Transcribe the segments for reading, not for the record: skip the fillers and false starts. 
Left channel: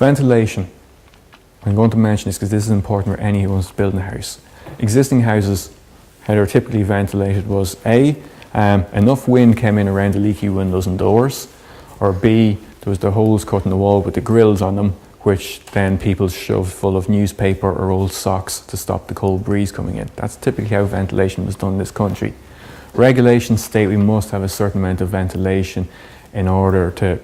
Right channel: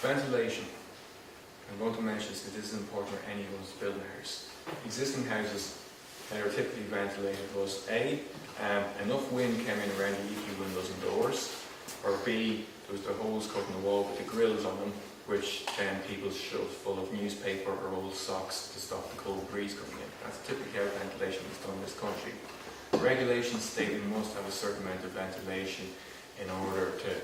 Ventilation. I'm going to mention this because this is important for anyone who's building a house. Existing houses, how they're typically ventilated was A, enough wind came in around the leaky windows and doors, or B, there was the holes cut in the wall with the grills on them, which then people shoved full of newspaper or old socks to stop the cold breeze coming in. That's typically how ventilation was done in this country. Regulations state we must have a certain amount of ventilation in order to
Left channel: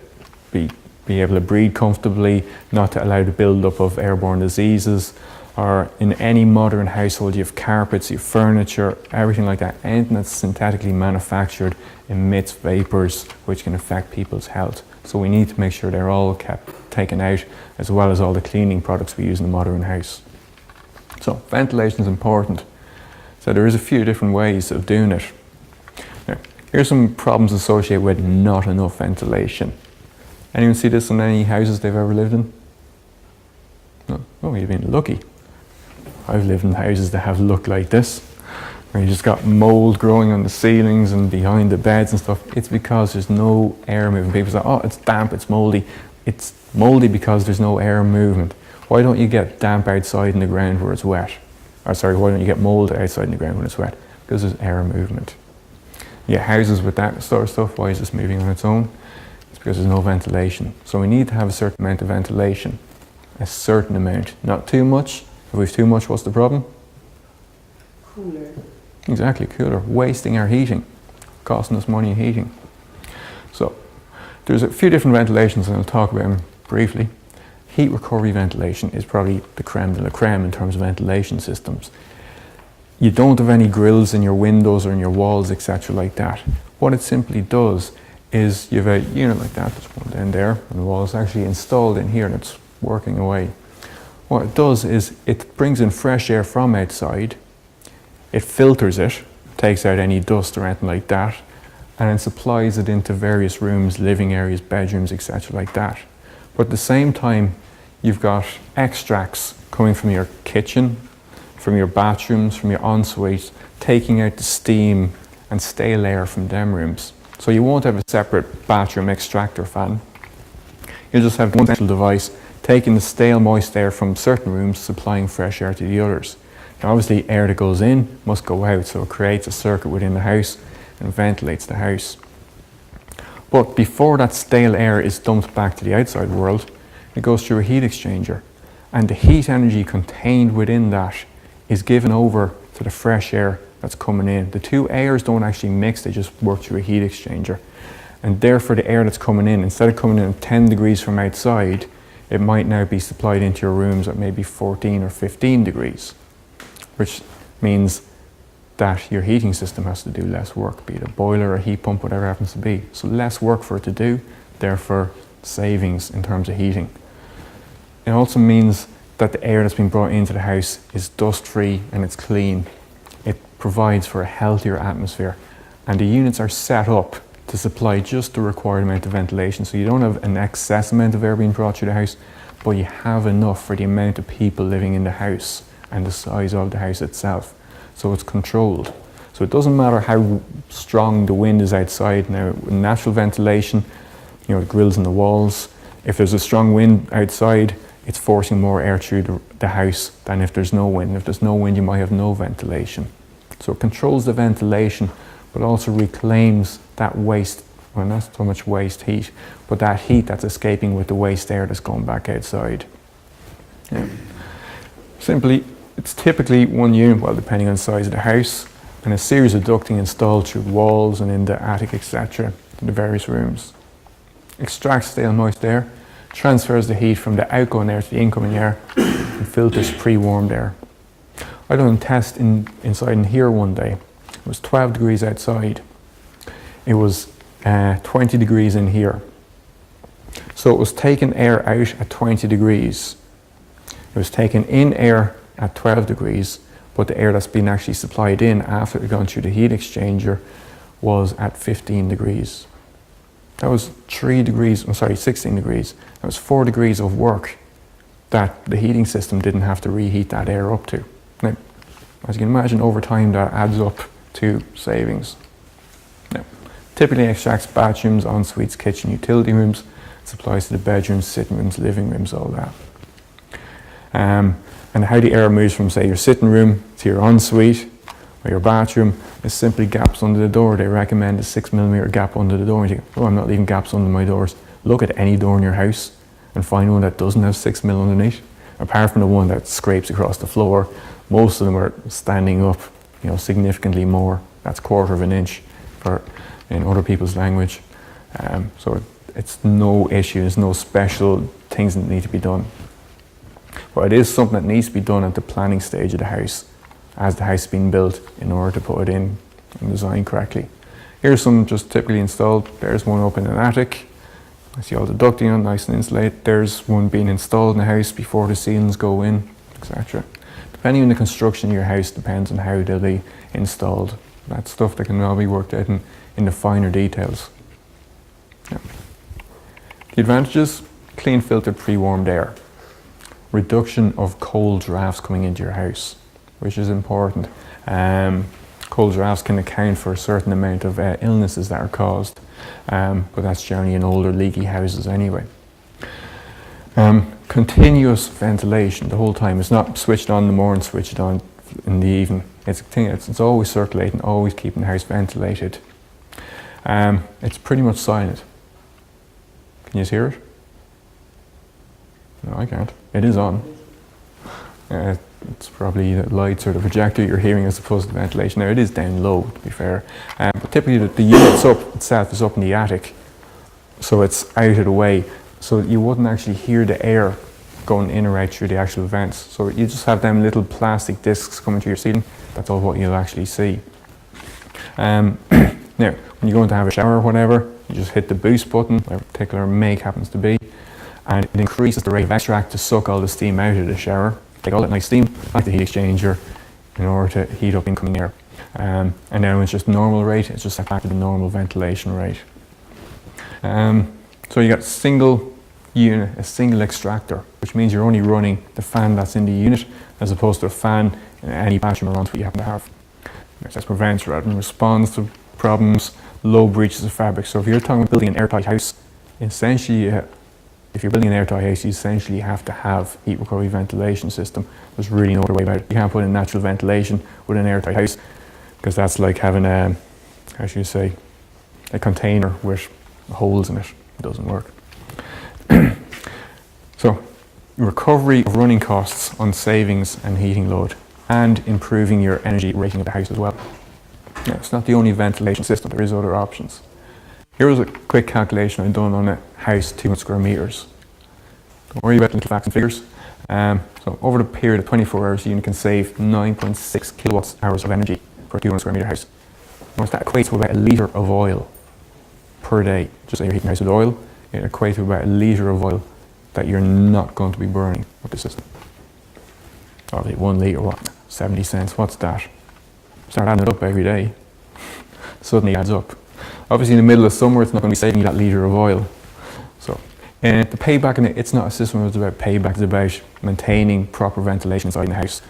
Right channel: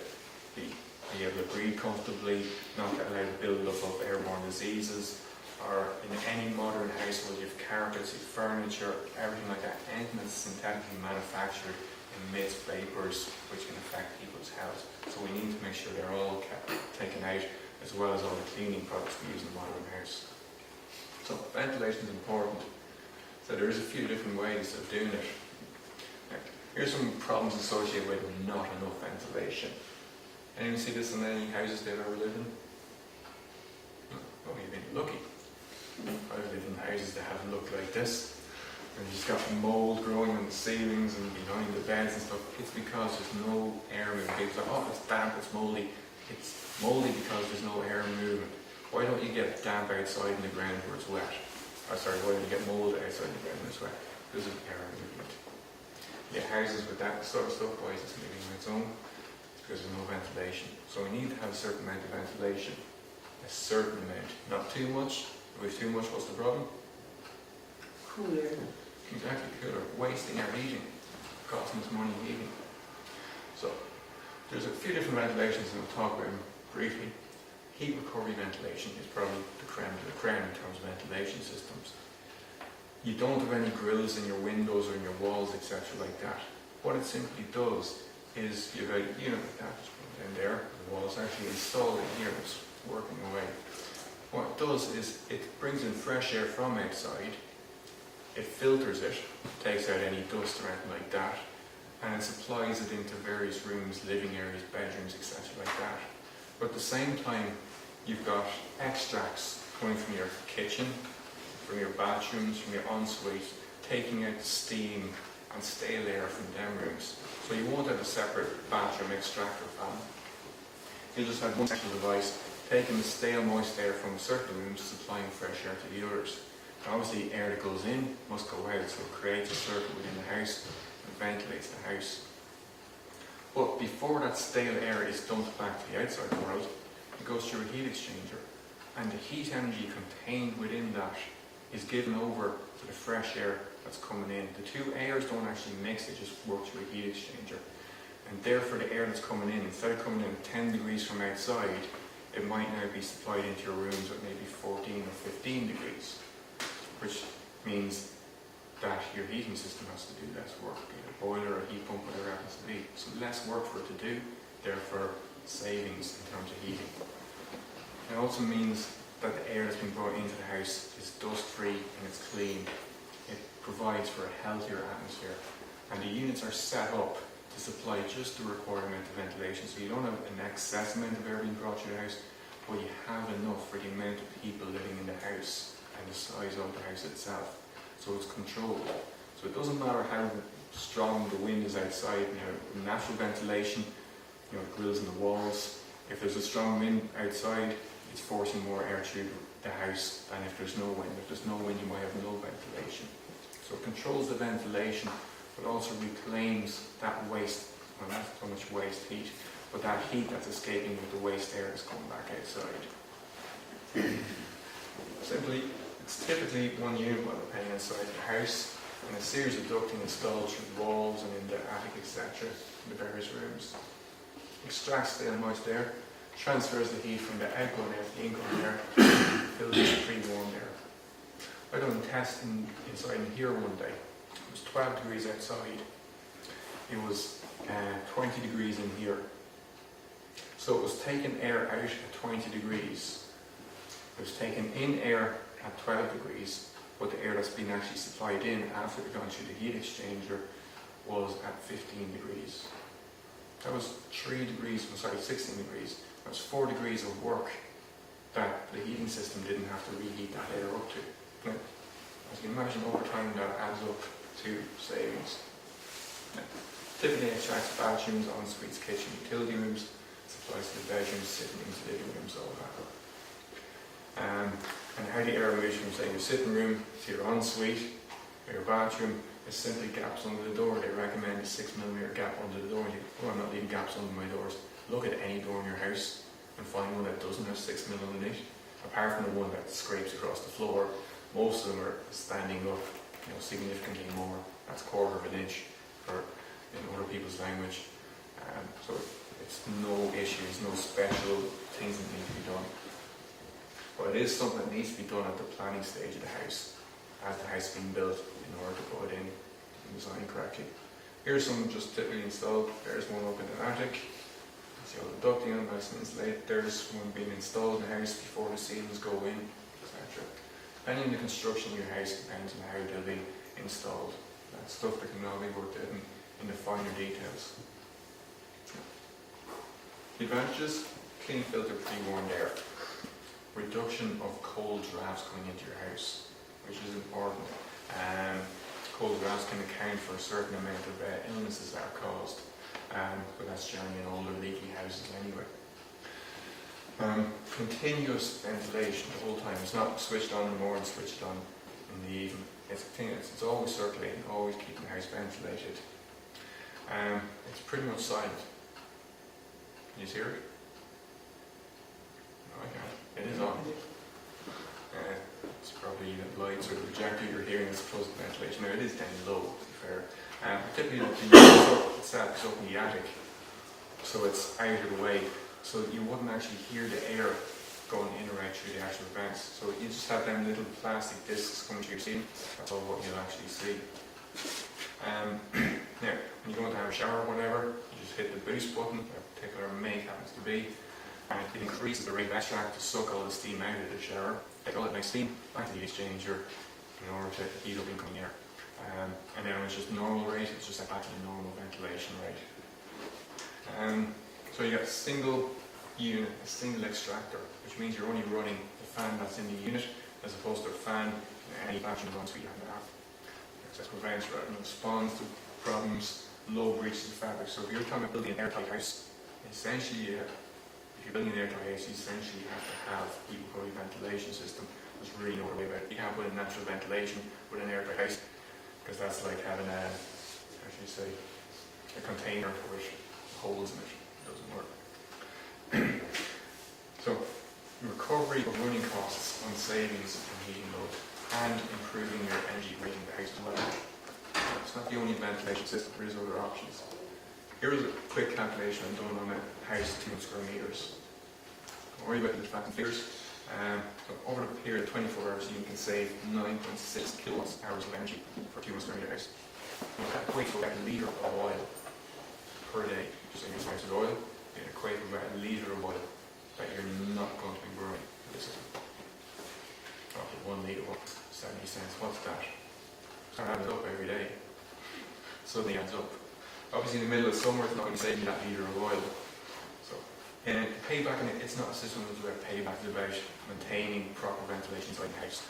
be able to breathe comfortably, not to allow the build-up of airborne diseases, or in any modern household you have carpets, you have furniture, everything like that. Anything that's synthetically manufactured emits vapours which can affect people's health. So we need to make sure they're all taken out, as well as all the cleaning products we use in a modern house. So ventilation is important. So there is a few different ways of doing it. Now, here's some problems associated with not enough ventilation. Anyone see this in any houses they've ever lived in? No? Oh, you've been lucky. I've lived in houses that have looked like this, where you just got mold growing on the ceilings and behind the beds and stuff. It's because there's no air movement. People say, oh, it's damp, it's moldy. It's moldy because there's no air movement. Why don't you get damp outside in the ground where it's wet? Or sorry, why don't you get mold outside in the ground when it's wet? Because there's air movement. Yeah, houses with that sort of stuff, why is this moving on its own? It's because there's no ventilation. So we need to have a certain amount of ventilation. A certain amount, not too much. If we've too much, what's the problem? Cooler. Exactly, cooler. Wasting our heating, costing us money in heating. So there's a few different ventilations and I'll talk about them briefly. Heat recovery ventilation is probably the creme de la creme in terms of ventilation systems. You don't have any grills in your windows or in your walls, etc. like that. What it simply does is you have a unit like that, there's one down there, and the wall is actually installed in here and it's working away. What it does is it brings in fresh air from outside, it filters it, takes out any dust or anything like that, and then supplies it into various rooms, living areas, bedrooms, etc. like that. But at the same time, you've got extracts coming from your kitchen, from your bathrooms, from your ensuites, taking out the steam and stale air from them rooms. So you won't have a separate bathroom extractor fan. You'll just have one central device taking the stale moist air from certain rooms, supplying fresh air to the others. Now obviously air that goes in must go out, so it creates a circuit within the house and ventilates the house. But before that stale air is dumped back to the outside world, it goes through a heat exchanger, and the heat energy contained within that is given over to the fresh air that's coming in. The two airs don't actually mix, they just work through a heat exchanger. And therefore the air that's coming in, instead of coming in at 10 degrees from outside, it might now be supplied into your rooms at maybe 14 or 15 degrees, which means that your heating system has to do less work, be it a boiler or a heat pump, whatever it happens to be. So less work for it to do, therefore savings in terms of heating. It also means that the air that's being brought into the house is dust-free and it's clean. It provides for a healthier atmosphere, and the units are set up to supply just the required amount of ventilation. So you don't have an excess amount of air being brought through the house, but you have enough for the amount of people living in the house and the size of the house itself. So it's controlled. So it doesn't matter how strong the wind is outside. Now, natural ventilation, you know, the grills in the walls, if there's a strong wind outside, it's forcing more air through the house than if there's no wind. If there's no wind, you might have no ventilation. So it controls the ventilation, but also reclaims that waste, well, not so much waste heat, but that heat that's escaping with the waste air that's going back outside. Yeah. Simply, it's typically one unit, well, depending on the size of the house, and a series of ducting installed through walls and in the attic, etc., to the various rooms. Extracts stale moist air, transfers the heat from the outgoing air to the incoming air, and filters pre-warmed air. I done a test inside in here one day. It was 12 degrees outside. It was 20 degrees in here. So it was taking air out at 20 degrees. It was taking in air at 12 degrees, but the air that's been actually supplied in after it had gone through the heat exchanger was at 15 degrees. That was 16 degrees. That was 4 degrees of work that the heating system didn't have to reheat that air up to. Now, as you can imagine, over time that adds up to savings. Now, typically extracts bathrooms, en-suites, kitchen, utility rooms, It applies to the bedrooms, sitting rooms, living rooms, all that. And how the air moves from, say, your sitting room to your ensuite or your bathroom is simply gaps under the door. They recommend a 6mm gap under the door. And you think, oh, I'm not leaving gaps under my doors. Look at any door in your house and find one that doesn't have 6mm underneath. Apart from the one that scrapes across the floor, most of them are standing up, you know, significantly more. That's 1/4 of an inch in other people's language. So it's no issue. There's no special things that need to be done. But it is something that needs to be done at the planning stage of the house, as the house is being built, in order to put it in and design correctly. Here's some just typically installed. There's one up in an attic. I see all the ducting on, nice and insulated. There's one being installed in the house before the ceilings go in, etc. Depending on the construction of your house, depends on how they'll be installed. That's stuff that can all be worked out in the finer details. Yeah. The advantages: clean, filtered, pre-warmed air. Reduction of cold drafts coming into your house, which is important. Cold drafts can account for a certain amount of illnesses that are caused, but that's generally in older leaky houses anyway. Continuous ventilation the whole time. It's not switched on in the morning, switched on in the evening. It's always circulating, always keeping the house ventilated. It's pretty much silent. Can you hear it? No, I can't. It is on. It's probably the lights or the projector you're hearing as opposed to the ventilation. Now, it is down low, to be fair. But typically the unit itself is up in the attic, so it's out of the way. So you wouldn't actually hear the air going in or out through the actual vents. So you just have them little plastic discs coming to your ceiling. That's all what you'll actually see. Now, when you're going to have a shower or whatever, you just hit the boost button, whatever particular make happens to be, and it increases the rate of extract to suck all the steam out of the shower. Take all that nice steam out the heat exchanger in order to heat up incoming air. And now it's just normal rate, it's just set back to the normal ventilation rate. So you got a single unit, a single extractor, which means you're only running the fan that's in the unit as opposed to a fan in any bathroom or ensuite you happen to have. That prevents rather than responds to problems, low breaches of fabric. So if you're talking about building an airtight house, essentially, if you're building an airtight house, you essentially have to have heat recovery ventilation system. There's really no other way about it. You can't put in natural ventilation with an airtight house, because that's like having a, how should you say, a container with holes in it. It doesn't work. So, recovery of running costs on savings and heating load, and improving your energy rating of the house as well. Now, it's not the only ventilation system, there is other options. Here's a quick calculation I've done on a house 200 square meters. Don't worry about the little facts and figures. So over the period of 24 hours, you can save 9.6 kilowatt hours of energy for a 200 square meter house. Once that equates to about a litre of oil per day. Just say you're heating a house with oil, it equates to about a litre of oil that you're not going to be burning with the system. Obviously 1 litre, what? 70 cents, what's that? Start adding it up every day. Suddenly adds up. Obviously in the middle of summer it's not going to be saving you that litre of oil. So the payback in it's not a system that's about payback, it's about maintaining proper ventilation inside the house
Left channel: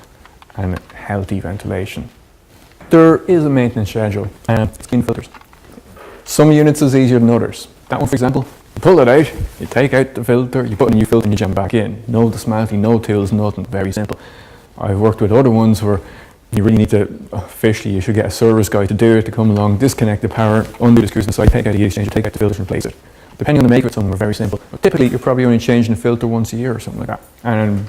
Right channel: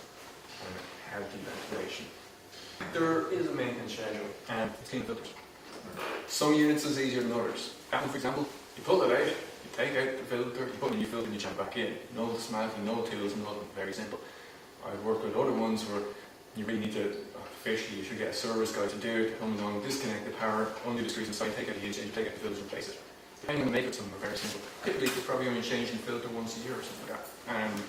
and healthy ventilation. There is a maintenance schedule. Clean filters. Some units is easier than others. That one, for example, you pull it out, you take out the filter, you put in a new filter and you jam it back in. No dismantling, no tools, nothing, very simple. I've worked with other ones where you really need to, officially you should get a service guy to do it, to come along, disconnect the power, undo the screws inside, take out the heat exchanger, take out the filters and replace it. Depending on the make of it, some of them are very simple. But typically you're probably only changing the filter once a year or something like that. And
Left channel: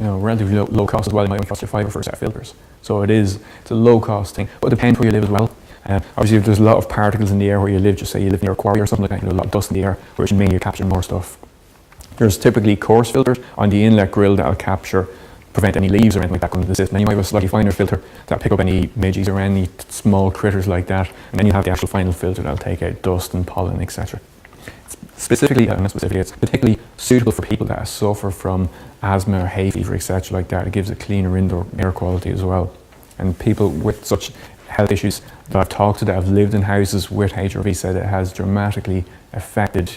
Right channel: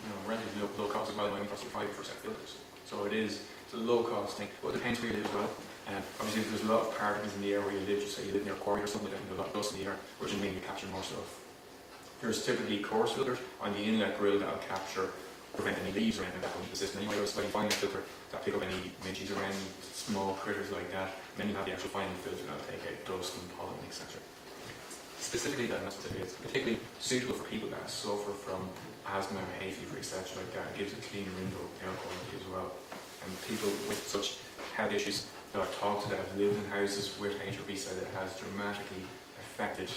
relatively low cost as well. It might only cost you $5 for a set of filters. So it's a low cost thing. But it depends where you live as well. Obviously if there's a lot of particles in the air where you live, just say you live near a quarry or something like that, you have a lot of dust in the air, which means you're capturing more stuff. There's typically coarse filters on the inlet grill that'll prevent any leaves or anything like that coming into the system. Then you might have a slightly finer filter that'll pick up any midges or any small critters like that. And then you have the actual final filter that'll take out dust and pollen, etc. It's particularly suitable for people that suffer from asthma or hay fever, etc. like that. It gives a cleaner indoor air quality as well. And people with such health issues that I've talked to that have lived in houses with HRV said it has dramatically affected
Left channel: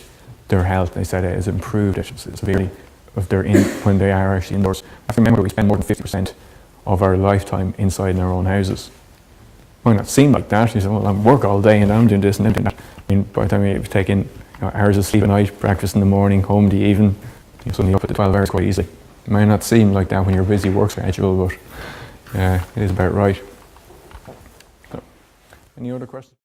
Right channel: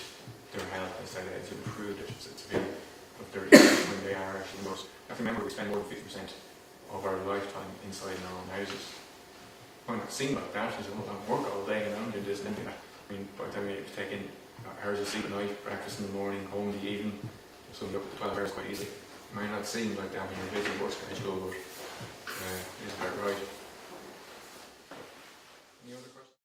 their health. They said it has improved it severely when they are actually indoors. I have to remember we spend more than 50% of our lifetime inside in our own houses. It might not seem like that. You say, well, I work all day and I'm doing this and I'm doing that. I mean, by the time you take in Hours of sleep at night, breakfast in the morning, home in the evening, you're suddenly up at the 12 hours quite easily. It may not seem like that when you're busy work schedule, but it is about right. So, any other questions?